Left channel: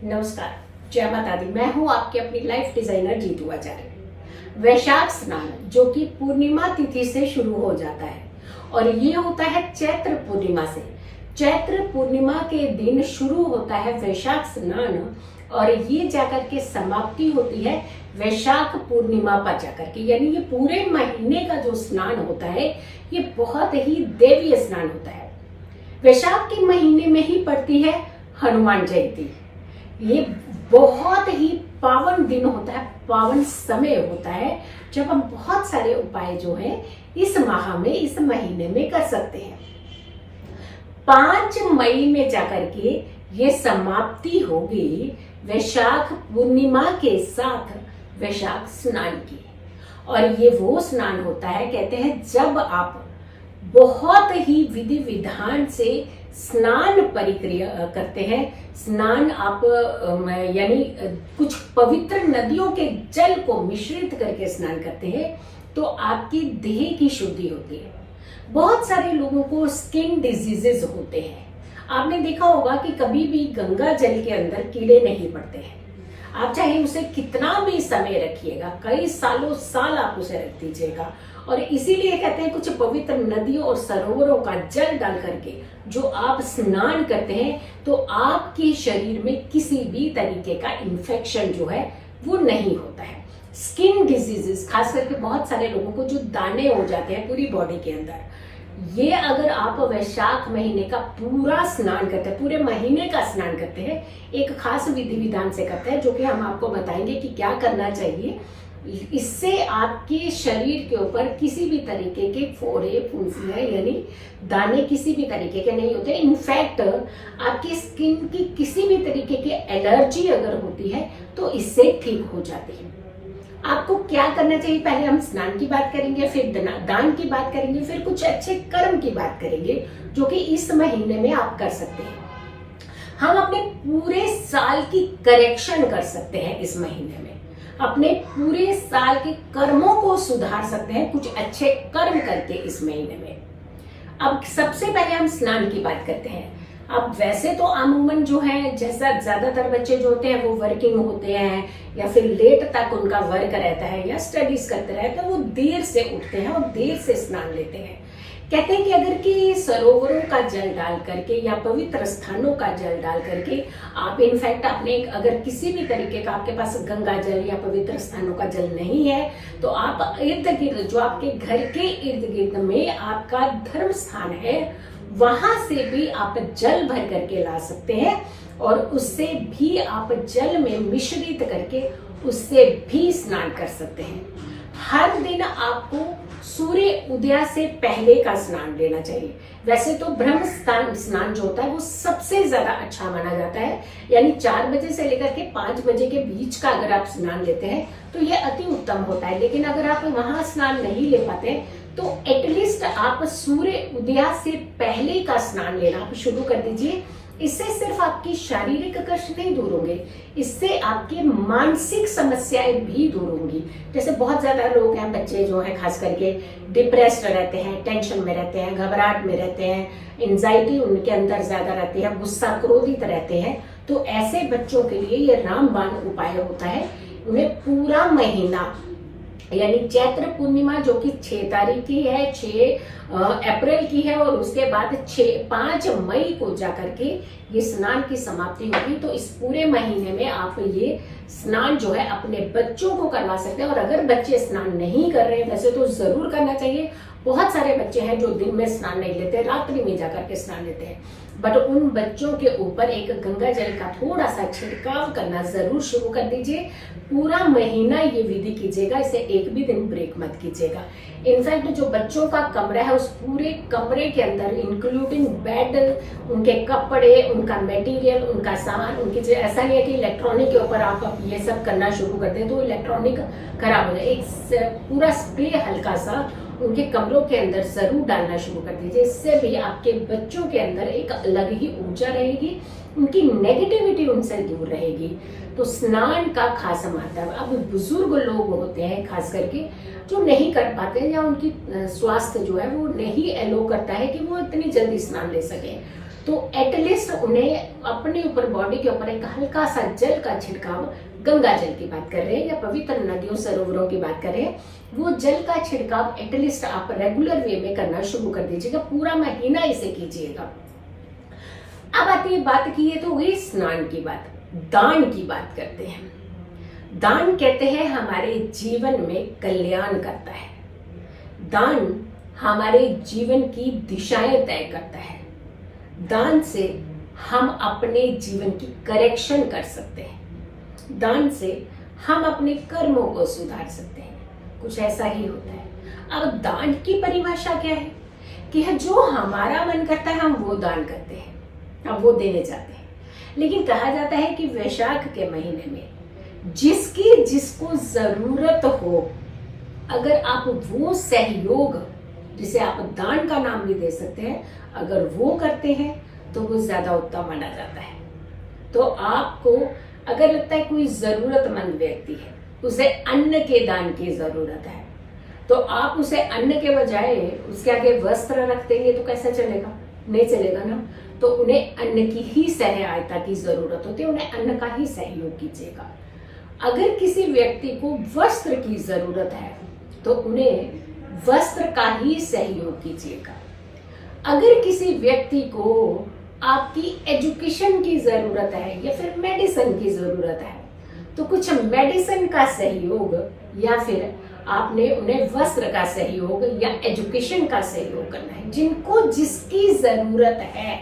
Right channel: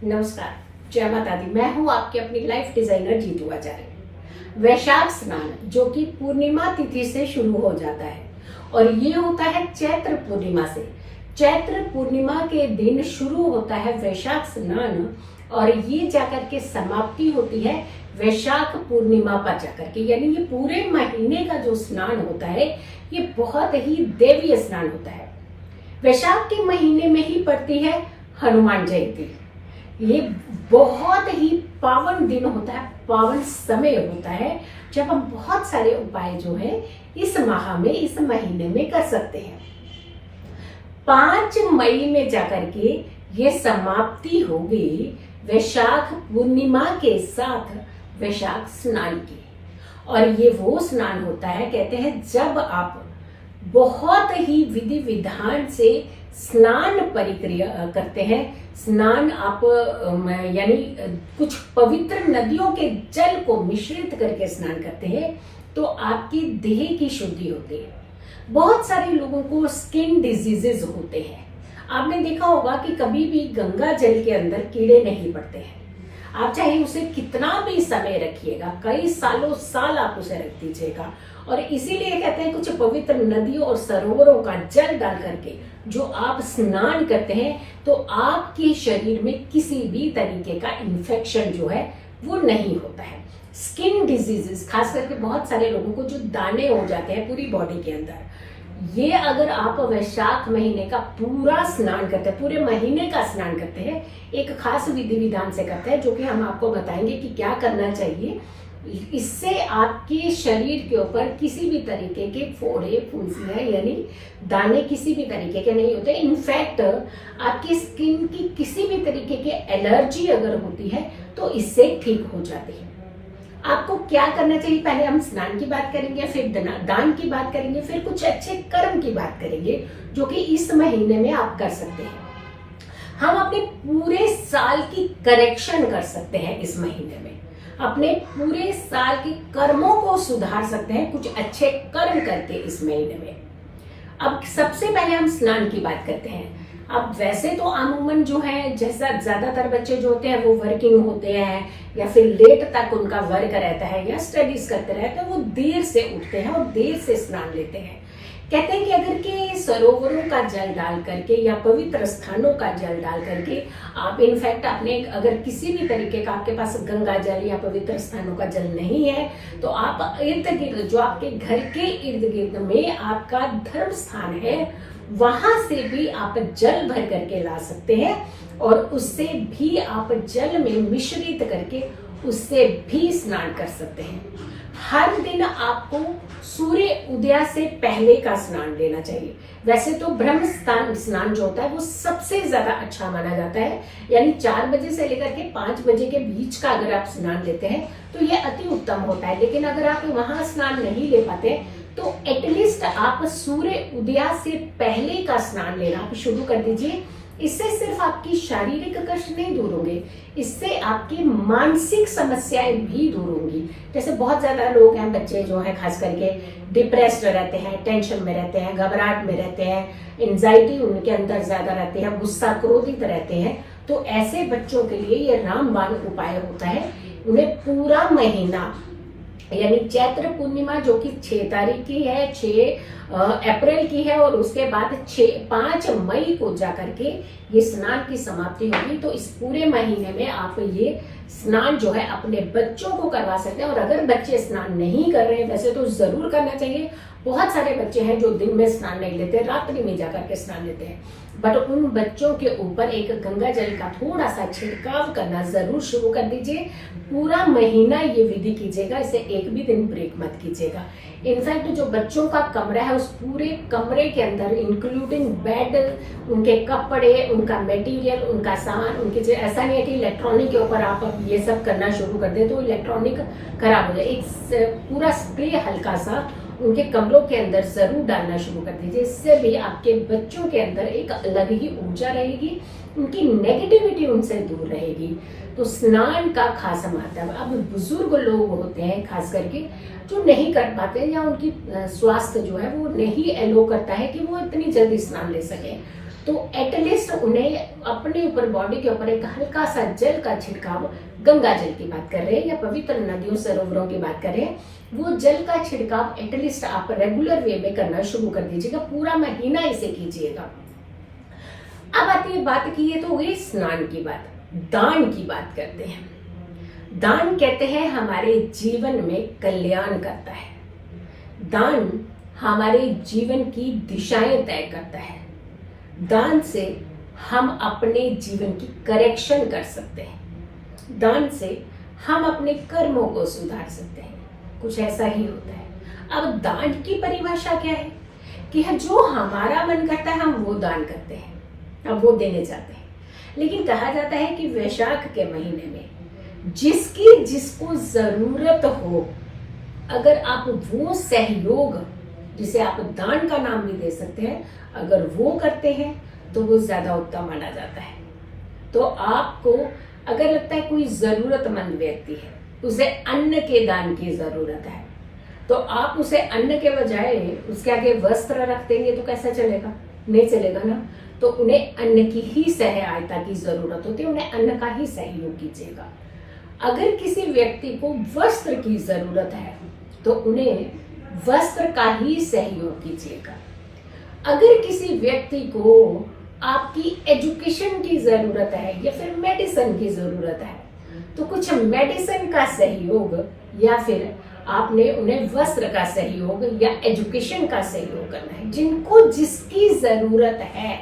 नमस्कार, जय माता दी। मैं हूं आपकी अपनी लाइफ डिजाइनर जीतू आचार्य। वैशाख स्नान जो कि पूर्णिमा तिथि से शुरू हो जाता है और ये होता है चैत्र पूर्णिमा से। चैत्र पूर्णिमा के दिन शुरू होता है वैशाख स्नान और ये जाकर के समाप्ति होती है वैशाख पूर्णिमा पर जाकर के। यानी ये पूरे महीने का जो स्नान होता है ये बहुत ही देवीय स्नान होता है। वैशाख के महीने में ही पड़ती है हनुमान जयंती। ये बहुत ही पावन दिन होता है, पावन समय होता है जब हम बहुत सारे उपाय जो है इस माह में, इस महीने में कर सकते हैं। 5 मई में जाकर के ये समाप्ति होगी वैशाख पूर्णिमा के साथ वैशाख स्नान की। और ये वो स्नान होता है, कहते हैं जब आप बहुत ही विधि विधान से स्नान परिक्रिया करते हैं। स्नान आप यानी कुछ पवित्र नदियों के जल को मिश्रित करके स्नान करते हैं तो आपकी देह की शुद्धि होती है। बहुत सारे लोगों को स्किन डिजीजेस होते हैं। आपने देखा होगा कि कभी भी गंगा जल के अंदर कीड़े नहीं पड़ते हैं। आप चाहे उसे कितना भी समय रखिएगा, कई सालों साल आप उसे रख दीजिएगा। और इसीलिए कहते हैं कुछ पवित्र नदियों और सरोवरों का जल डाल करके जो आप स्नान करते हैं तो आपके शरीर में किसी भी तरीके का इन्फेक्शन जो है वो नहीं होता है। स्किन डिजीजेस, खास करके बहुत सारे लोगों को जो दाने हो जाते हैं पूरी बॉडी के अंदर, ये अगर आप वैशाख महीने का पूरा स्नान करते हैं, पूरे महीने का स्नान करते हैं, एक खास विधि विधान से करते हैं जो कि हम आपको बताएंगे कि क्या करना चाहिए। इससे आपके शरीर के ऊपर किसी भी तरीके के फोड़े, फुंसियां यानी दाने किसी भी तरीके के नहीं होते। इनफैक्ट आपकी स्किन की किसी भी तरीके की एलर्जी अगर होती है तो इससे ठीक हो जाती है। आपको क्या करना चाहिए, पहले हम स्नान की बात करेंगे, फिर दान की बात करेंगे, फिर कुछ अच्छे कर्म की बात करेंगे जो कि इस महीने में आप कर सकते हैं। हम अपने पूरे साल की करेक्शन कर सकते हैं इस महीने में, अपने पूरे साल के कर्मों को सुधार सकते हैं कुछ अच्छे कर्म करके इस महीने में। अब सबसे पहले हम स्नान की बात करते हैं। अब वैसे तो अमूमन जो है, जैसा ज्यादातर बच्चे जो होते हैं वो वर्किंग होते हैं या फिर लेट तक उनका वर्क रहता है या स्टडीज करते रहते हैं, वो देर से उठते हैं और देर से स्नान लेते हैं। कहते हैं कि अगर कि सरोवरों का जल डाल करके या पवित्र स्थानों का जल डाल करके आप इनफैक्ट अपने, अगर किसी भी तरीके का आपके पास गंगा जल या पवित्र स्थानों का जल नहीं है तो आप इर्द गिर्द, जो आपके घर के इर्द गिर्द में आपका धर्म स्थान है, वहां से भी आप जल भर करके ला सकते हैं और उससे भी आप जल में मिश्रित करके उससे भी स्नान कर सकते हैं। हर दिन आपको सूर्य उदय से पहले का स्नान लेना चाहिए। वैसे तो ब्रह्म स्नान जो होता है वो सबसे ज्यादा अच्छा माना जाता है, यानी 4 बजे से लेकर के 5 बजे के बीच का अगर आप स्नान लेते हैं तो ये अति उत्तम होता है। लेकिन अगर आप वहां स्नान नहीं ले पाते तो एटलीस्ट आप सूर्य उदय से पहले का स्नान लेना आप शुरू कर दीजिए। इससे सिर्फ आपकी शारीरिक कष्ट नहीं दूर होंगे, इससे आपकी मानसिक समस्याएं भी दूर होंगी। जैसे बहुत ज्यादा लोग हैं, बच्चे जो हैं खास करके डिप्रेस्ड रहते हैं, टेंशन में रहते हैं, घबराहट में रहते हैं, एंजाइटी उनके अंदर ज्यादा रहती है, गुस्सा क्रोधित रहते हैं, तो ऐसे बच्चों के लिए ये रामबाण उपाय होता है। उन्हें पूरा महीना यानी चैत्र पूर्णिमा जो कि 6 तारीख की है, 6 अप्रैल की है और उसके बाद 5 मई को जाकर के ये स्नान की समाप्ति होगी। तो इस पूरे महीने में आप ये स्नान जो है अपने बच्चों को करवा सकते हैं। और अगर बच्चे स्नान नहीं कर रहे हैं, वैसे तो जरूर करना चाहिए। बहुत सारे बच्चे हैं जो दिन में स्नान नहीं लेते, रात्रि में जाकर के स्नान लेते हैं, बट उन बच्चों के ऊपर एक गंगा जल का थोड़ा सा छिड़काव करना जरूर शुरू कर दीजिए। पूरा महीना ये विधि कीजिएगा, इसे एक भी दिन ब्रेक मत कीजिएगा। इनफैक्ट जो बच्चों का कमरा है उस पूरे कमरे के अंदर इंक्लूडिंग बेड, उनके कपड़े, उनका मटेरियल, उनका सामान, उनके, ऐसा नहीं है कि इलेक्ट्रॉनिक के ऊपर आप ये सब करना शुरू कर दें तो इलेक्ट्रॉनिक खराब हो जाए। एक पूरा स्प्रे हल्का सा उनके कमरों के अंदर जरूर डालना शुरू कर दीजिए। इससे भी आपके बच्चों के अंदर एक अलग ही ऊर्जा रहेगी, उनकी नेगेटिविटी उनसे दूर रहेगी। तो स्नान का खास महत्व। अब बुजुर्ग लोग होते हैं खास करके जो नहीं कर पाते या उनकी स्वास्थ्य जो है वो नहीं एलो करता है कि वो इतनी जल्दी स्नान ले सके, तो एटलीस्ट उन्हें अपने ऊपर, बॉडी के ऊपर एक हल्का सा जल का छिड़काव, गंगा जल की बात कर रहे हैं या पवित्र नदियों सरोवरों की बात कर रहे हैं, वो जल का छिड़काव एटलीस्ट आप रेगुलर वे में करना शुरू कर दीजिएगा, पूरा महीना इसे कीजिएगा। अब आती है बात की है तो वही स्नान की बात, दान की बात करते हैं। दान कहते हैं हमारे जीवन में कल्याण करता है। दान हमारे जीवन की दिशाएं तय करता है। दान से हम अपने जीवन की करेक्शन कर सकते हैं। दान से हम अपने कर्मों को सुधार सकते हैं। कुछ ऐसा ही होता है। अब दान की परिभाषा क्या है कि जो हमारा मन करता है हम वो दान करते हैं, अब वो देने जाते हैं। लेकिन कहा जाता है कि वैशाख के महीने में जिसकी जिसको जरूरत हो, अगर आप वो सहयोग, जिसे आप दान का नाम भी दे सकते हैं, अगर वो करते हैं तो वो ज्यादा उत्तम माना जाता है। तो आपको अगर लगता है कोई जरूरतमंद व्यक्ति है, उसे अन्न के दान की जरूरत है, तो आप उसे अन्न के बजाय उसके आगे वस्त्र रख देंगे तो कैसा चलेगा? नहीं चलेगा ना। तो उन्हें अन्न की ही सहायता की जरूरत होती है, उन्हें अन्न का ही सहयोग कीजिएगा। अगर किसी व्यक्ति को वस्त्र की जरूरत है तो उन्हें वस्त्र का ही सहयोग कीजिएगा। अगर किसी व्यक्ति को आपकी एजुकेशन की जरूरत है या फिर मेडिसिन की जरूरत है तो कुछ मेडिसिन का सहयोग, या फिर आपने उन्हें वस्त्र का सहयोग या एजुकेशन का सहयोग करना है। जिनको जिसकी जरूरत है,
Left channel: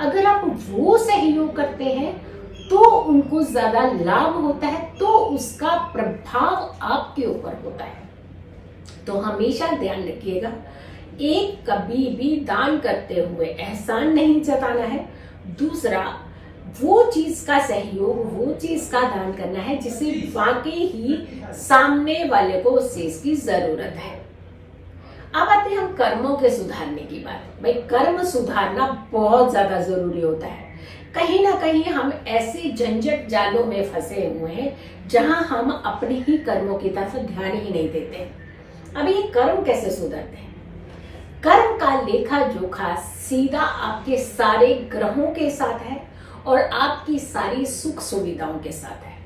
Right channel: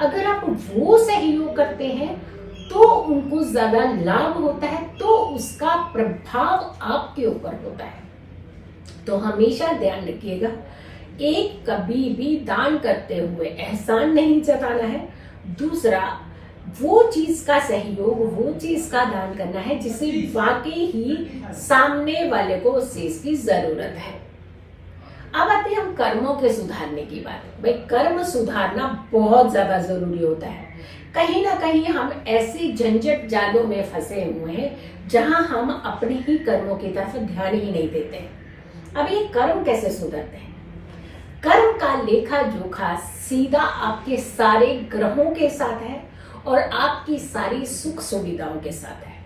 अगर आप वो सहयोग करते हैं तो उनको ज्यादा लाभ होता है, तो उसका प्रभाव आपके ऊपर होता है। तो हमेशा ध्यान रखिएगा, एक कभी भी दान करते हुए एहसान नहीं जताना है। दूसरा, वो चीज का सहयोग, वो चीज का दान करना है जिसे वाकई ही सामने वाले को उस चीज की जरूरत है। अब आते हैं हम कर्मों के सुधारने की बात। भाई, कर्म सुधारना बहुत ज्यादा जरूरी होता है। कहीं ना कहीं हम ऐसे झंझट जालों में फंसे हुए हैं जहां हम अपने ही कर्मों की तरफ ध्यान ही नहीं देते। अब ये कर्म कैसे सुधरते हैं? कर्म का लेखा जोखा सीधा आपके सारे ग्रहों के साथ है और आपकी सारी सुख सुविधाओं के साथ है।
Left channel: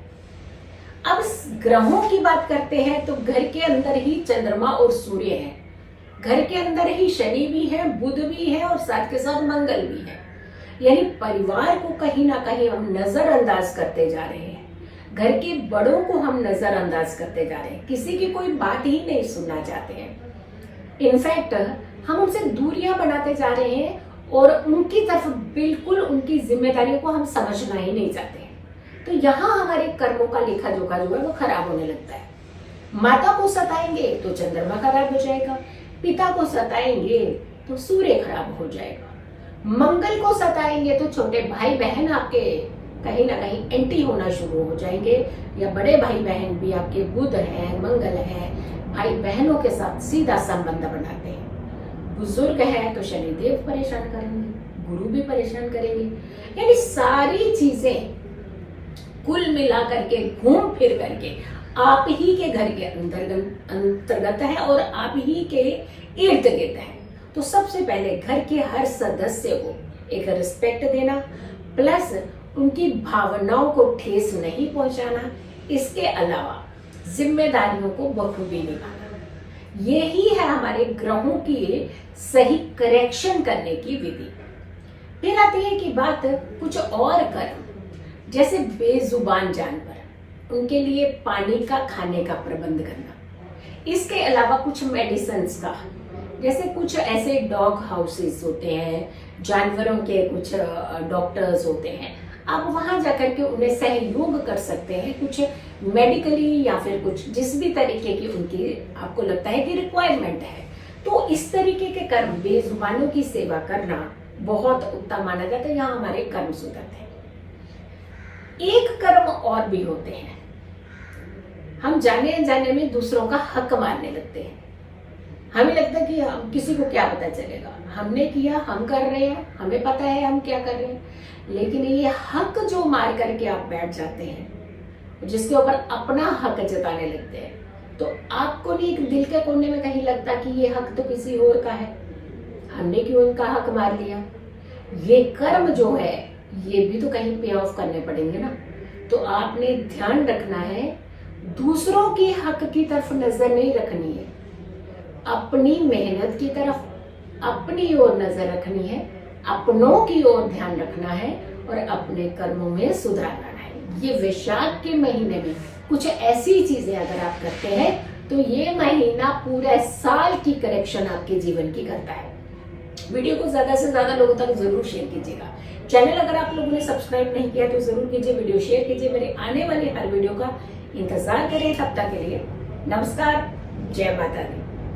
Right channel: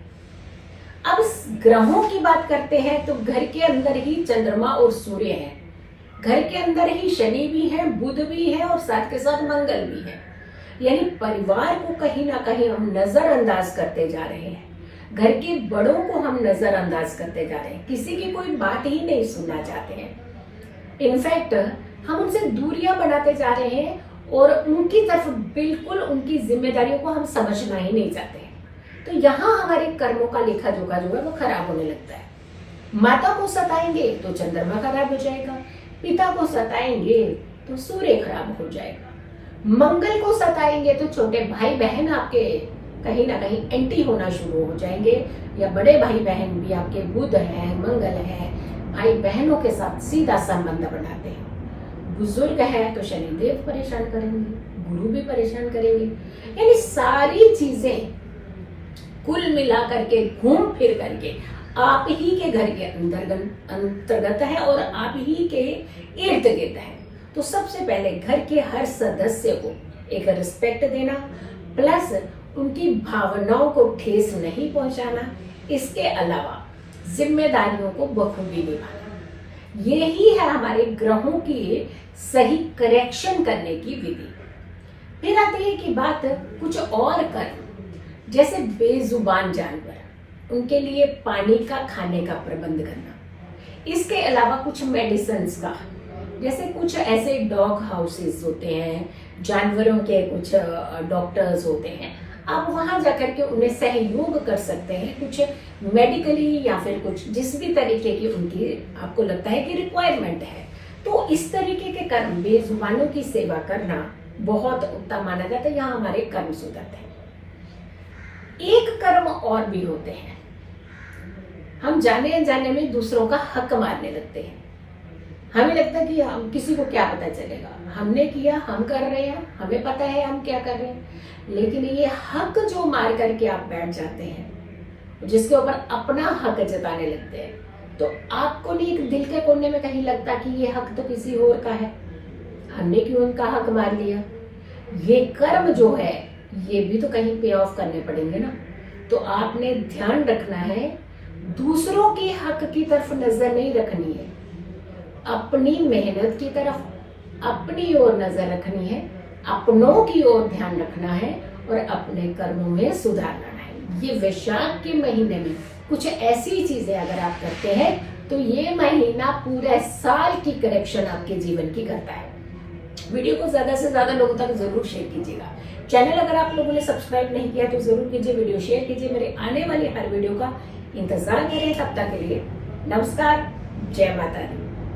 अब ग्रहों की बात करते हैं तो घर के अंदर ही चंद्रमा और सूर्य है, घर के अंदर ही शनि भी है, बुध भी है और साथ के साथ मंगल भी है। यानी परिवार को कहीं ना कहीं हम नजरअंदाज करते जा रहे हैं, घर के बड़ों को हम नजरअंदाज करते जा रहे हैं, किसी की कोई बात ही नहीं सुनना चाहते हैं। इनफैक्ट हम उनसे दूरियां बनाते जा रहे हैं और उनकी तरफ बिल्कुल उनकी जिम्मेदारियों को हम समझना ही नहीं चाहते हैं। तो यहाँ हमारे कर्मों का लेखा जोखा जो है वो खराब होने लगता है। माता को सताएंगे तो चंद्रमा खराब हो जाएगा, पिता को सताएंगे तो सूर्य खराब हो जाएगा, मंगल को सताएंगे तो छोटे भाई बहन आपके कहीं ना कहीं एंटी होना शुरू हो जाएंगे, या बड़े भाई बहन भी आपके बुध है, मंगल है, भाई बहनों के साथ सीधा संबंध बनाते हैं। बुजुर्ग है तो शनिदेव परेशान करेंगे, गुरु भी परेशान करेंगे। यानी सारी चीजें कुल मिला करके घूम फिर करके आप ही के घर के अंतर्गत है और आप ही के इर्द गिर्द है। तो सबसे पहले घर के हर सदस्य को एक रिस्पेक्ट देना, प्लस उनकी भावनाओं को ठेस नहीं पहुंचाना, इसके अलावा जिम्मेदारियों को बखूबी निभाना, यही है हमारे ग्रहों की सही करेक्शन करने की विधि। फिर आती है कि बात कुछ और कर्म, जैसे बेजुबान जानवर, उनके लिए पानी का, खाने का प्रबंध करना। इसके अलावा कुछ मेडिसिन का, जैसे कुछ ऐसे डॉग हाउसेस होते हैं, जानवरों के कुछ डॉक्टर्स होते हैं, आप वहां जाकर के उन्हें सहयोग कर सकते हैं, कुछ मेडिकली या फिर कुछ जिस भी तरीके की उनकी आपको लगता है कि रिक्वायरमेंट है। तो इस तरीके के कर्म, बेजुबानों की सेवा करना बहुत उत्तम माना जाता है। यहाँ हमारे कर्म सुधरते हैं। एक कर्म और भी होते हैं, हम जाने अनजाने में दूसरों का हक मारने लगते हैं। हमें लगता है कि हम, किसी को क्या पता चलेगा, हमने किया, हम कर रहे हैं, हमें पता है हम क्या कर रहे हैं। लेकिन ये हक जो मार करके आप बैठ जाते हैं, जिसके ऊपर अपना हक जताने लगते हैं, तो आपको नहीं दिल के कोने में कहीं लगता कि ये हक तो किसी और का है, हमने क्यों इनका हक मार लिया। ये कर्म जो है ये भी तो कहीं पे ऑफ करने पड़ेंगे ना। तो आपने ध्यान रखना है, दूसरों के हक की तरफ नजर नहीं रखनी है, अपनी मेहनत की तरफ, अपनी ओर नजर रखनी है, अपनों की ओर ध्यान रखना है और अपने कर्मों में सुधार लाना है। ये वैशाख के महीने में कुछ ऐसी चीजें अगर आप करते हैं तो ये महीना पूरे साल की करेक्शन आपके जीवन की करता है। वीडियो को ज्यादा से ज्यादा लोगों तक जरूर शेयर कीजिएगा। चैनल अगर आप लोगों ने सब्सक्राइब नहीं किया तो जरूर कीजिए, वीडियो शेयर कीजिए, मेरे आने वाली हर वीडियो का इंतजार करें। तब तक के लिए नमस्कार, जय माता दी।